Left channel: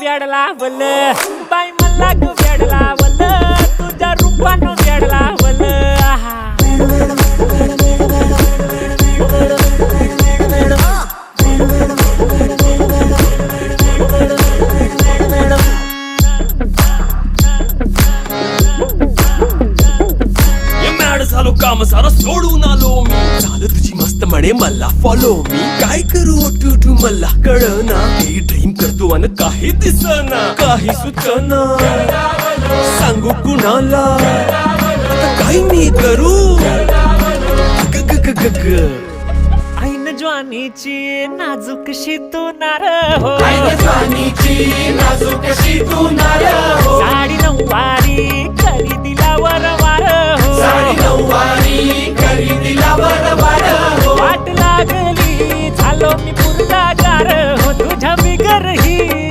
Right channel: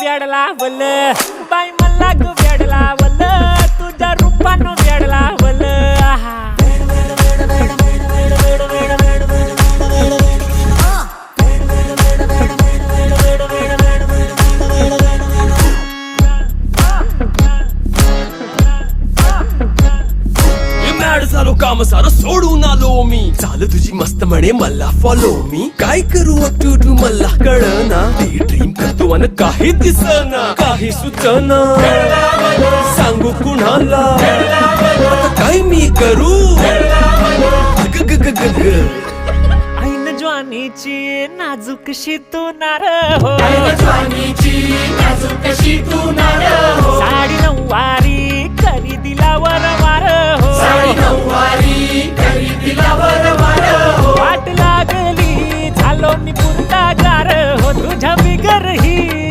वेड लावल बाई मला ग वेड लावल तुझ्या रूपानं वेड लावल आहा झालो काम सारं सोडून आलो मी झालं तुझी मस्त म्हणे मला फॉलो मी काय करू टू मला कळना ती ड्रीम करतो आणि काही दिसना काही सुचना सांगू कुणाला आता काय मी करू ग ग ग ग ग ऐन ज्वानीची नाजूकशी तू नार हो साडी नऊवारी करी दिला वरवार हो वाट लागली झालो मी पुरता गार हो तुझ्या बिगर ही